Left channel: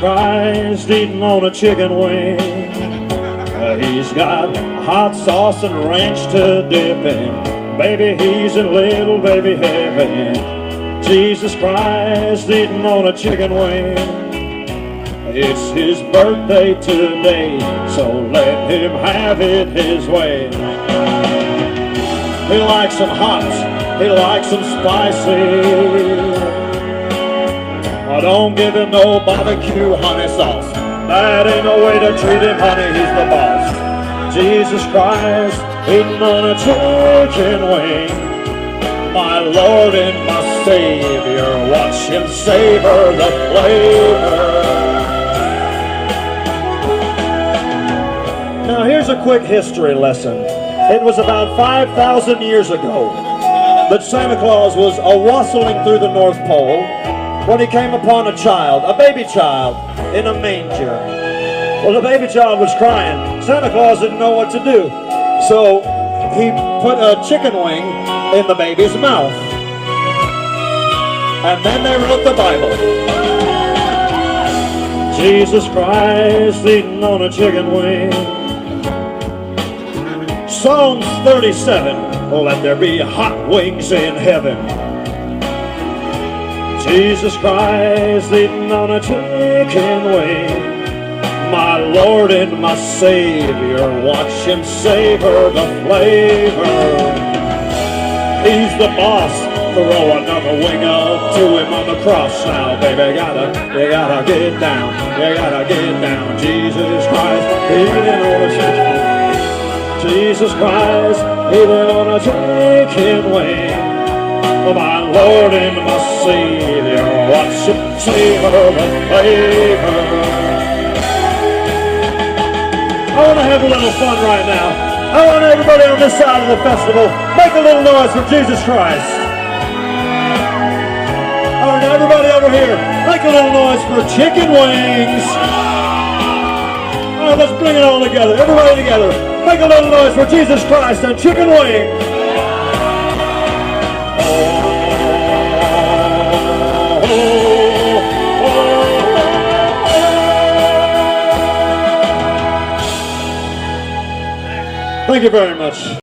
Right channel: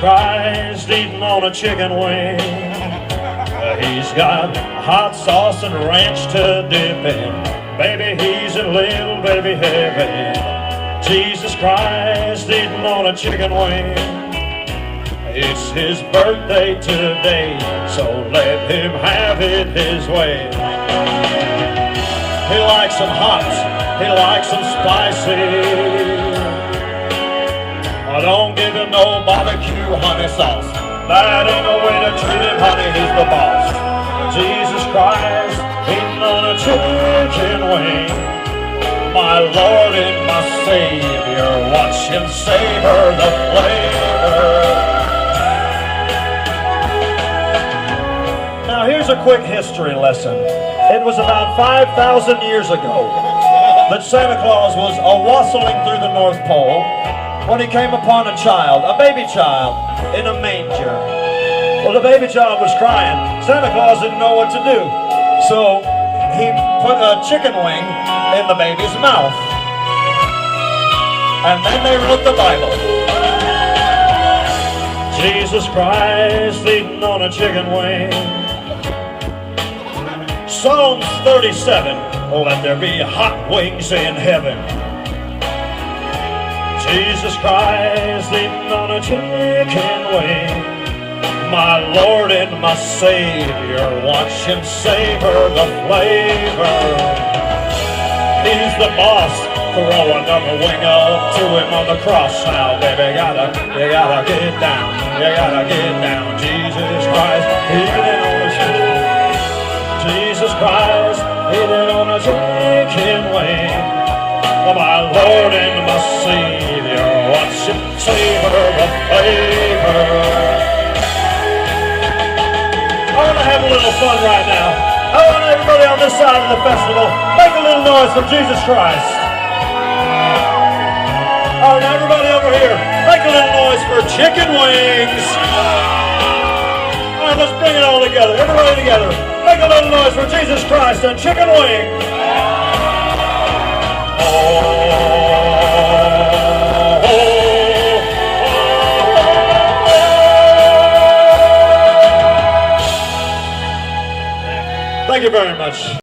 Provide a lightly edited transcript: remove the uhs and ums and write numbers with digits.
Christ eating on a chicken wing. He's got hot sauce and ranch to dip in. Baby, he's in little baby heaven. Jesus Christ eating on a chicken wing. It's his birthday today, so let him have it his way. He likes them hot, he likes them spicy. Don't give him no barbecue honey sauce. That ain't no way to treat him, honey, he's the boss. Jesus Christ eating on a chicken wing. My Lord and my Savior, watch him savor the flavor. Now here's a quick history lesson. It was about 5,000 years ago that Santa Claus was a-wassailing through the North Pole when he came upon a child, a baby child, in a manger. Well, the baby child was crying. Santa Claus didn't know what to do, so he put a chicken wing in the baby's mouth. And then they wrote the Bible. Jesus Christ eating on a chicken wing. Psalms 37, let there be hot wings in heaven. Jesus Christ eating on a chicken wing. My Lord and my Savior, watch him savor the flavor. He's the boss. Throw another wing up to him on the cross now, baby. You gotta get down. You gotta get down. Jesus Christ eating on a chicken wing. Jesus Christ eating on a chicken wing. Oh, my Lord and my Savior, watch him savor the flavor. I want to have a little fun right now. I want everybody on this side of the festival, make a little noise for Jesus Christ. All right, now everybody over here, make a little noise for chicken wings. All right, let's bring it all together. Everybody together, make a little noise for Jesus Christ and chicken wings. Thank you very much.